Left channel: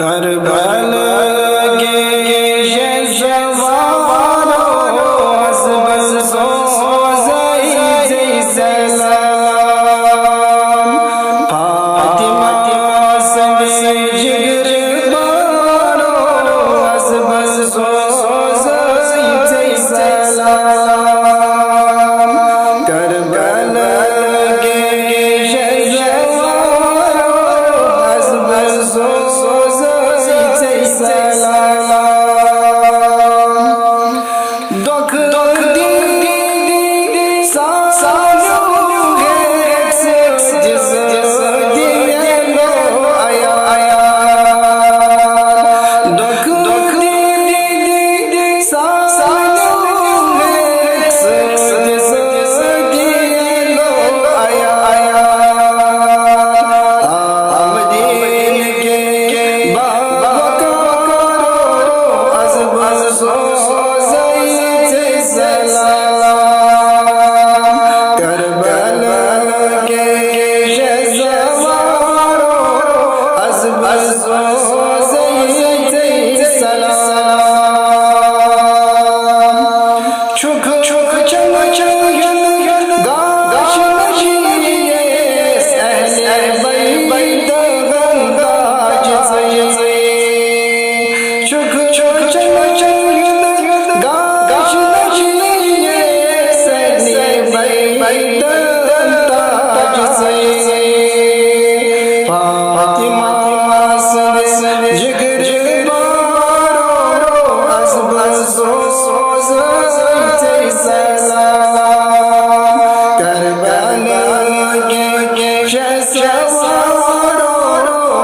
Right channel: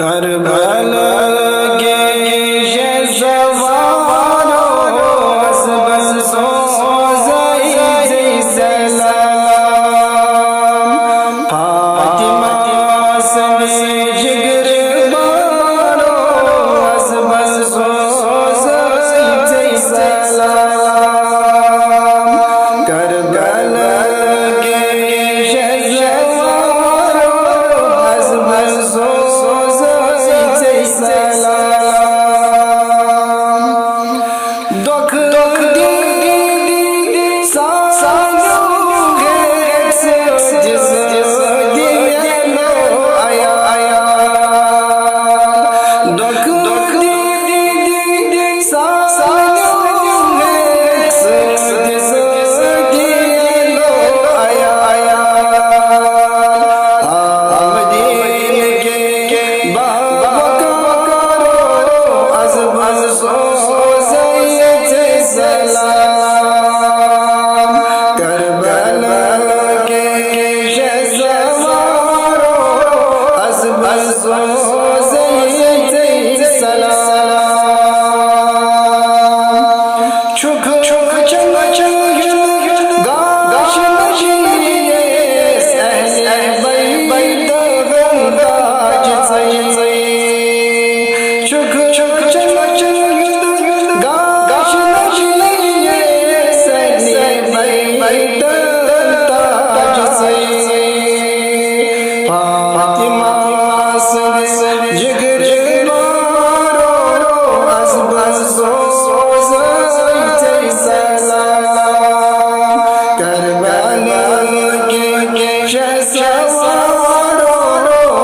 Karbala के सवारो हसबन सोज़ई सलाम फातिमा संगे जिगर बारो हसबन सोज़ई सलाम करबला के सवारो हसबन सलाम दुख दी सालों है जिस दिए लो आया दुख दी सालों है जिस दिए लो आया आमदीन के सलाम करबला के सवारो हसब सोज़ई सलाम छुख चन गाश नबीए अहले बैत गंदाज सही छुख चन गाश नबीए सहले बैत ताज से फातिमा संगे जिगर बारो हसब सोज़ई सलाम करबला के सवारो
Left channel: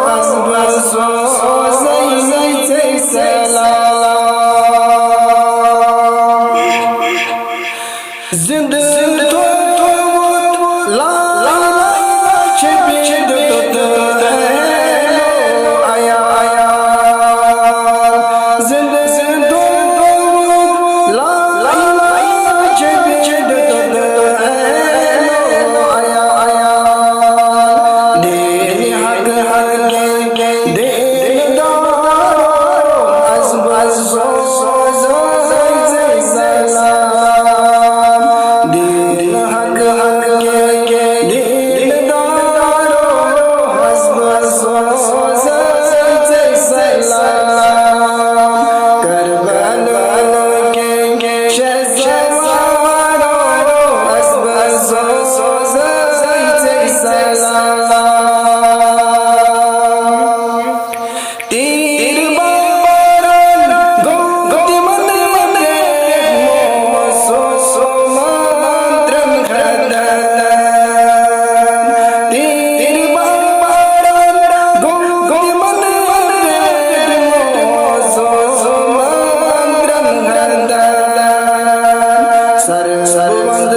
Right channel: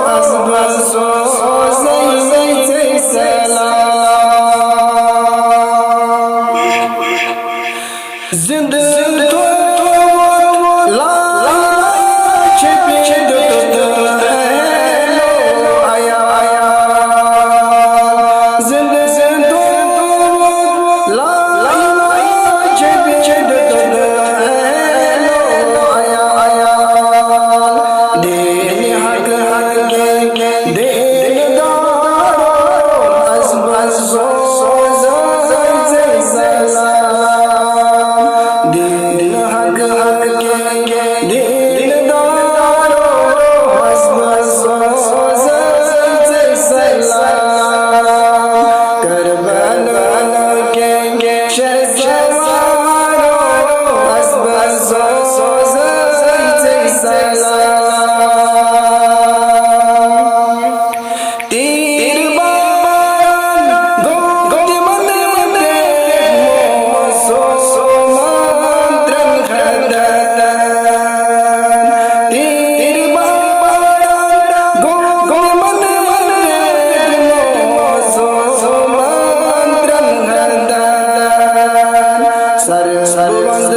हसब सोज़ई सलाम जिंद तो ला इलाज बेद तो लो आया जिंद तो ला इलाज बेद तो लो आया दिन हक के दिन दारो हसब सोज़ई सलाम दिन हक के दिन दारो हसब सोज़ई सलाम करबला के सवारो हसब सोज़ई सलाम तीर बारन गोति मन ब्रेक मोसो मंत्रन खदन तीर बारन गोति मन ब्रेक मोसो मंत्रन खदन सरबंद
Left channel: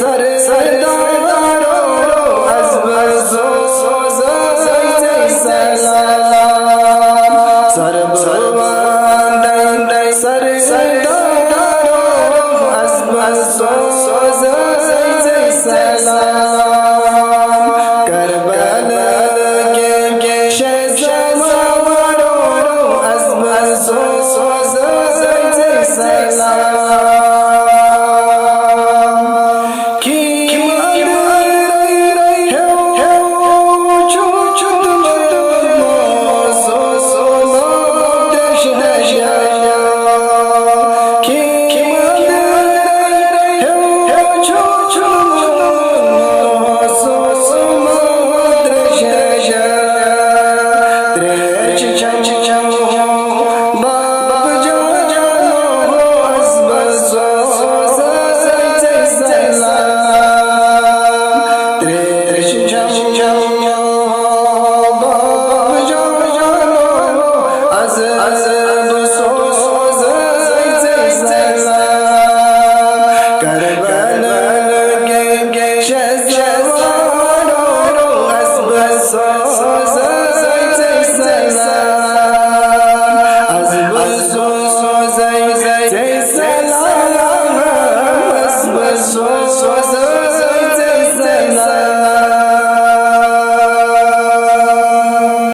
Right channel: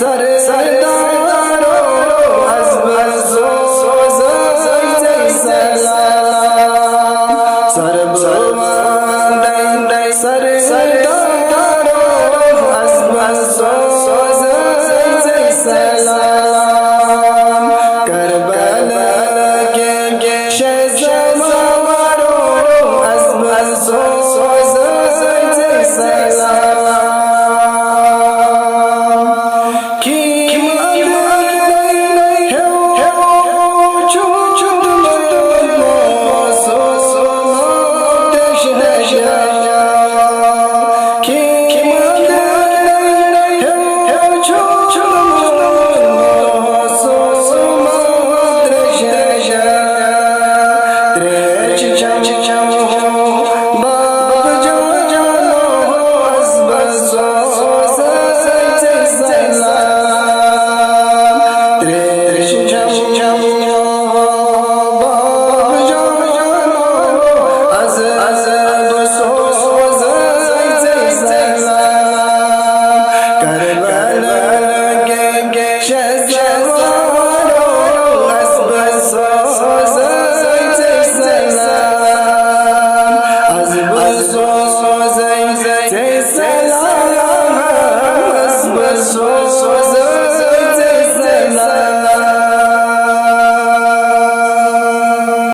सरदारो हसब सोज़ई सलाम सरबंद सरदारो हसब सोज़ई सलाम करबला के सवारो हसब सोज़ई सलाम कीम अंदरई है चुद मोसो मोदेश है कीम अंदरई है चुद मोसो मोदेश है त्रेच चमो बाप जानो हसब सोज़ई सलाम त्रेश चमो बाप जानो हसब सोज़ई सलाम करबला के सवारो हसब सोज़ई सलाम हसब सोज़ई सलाम हसब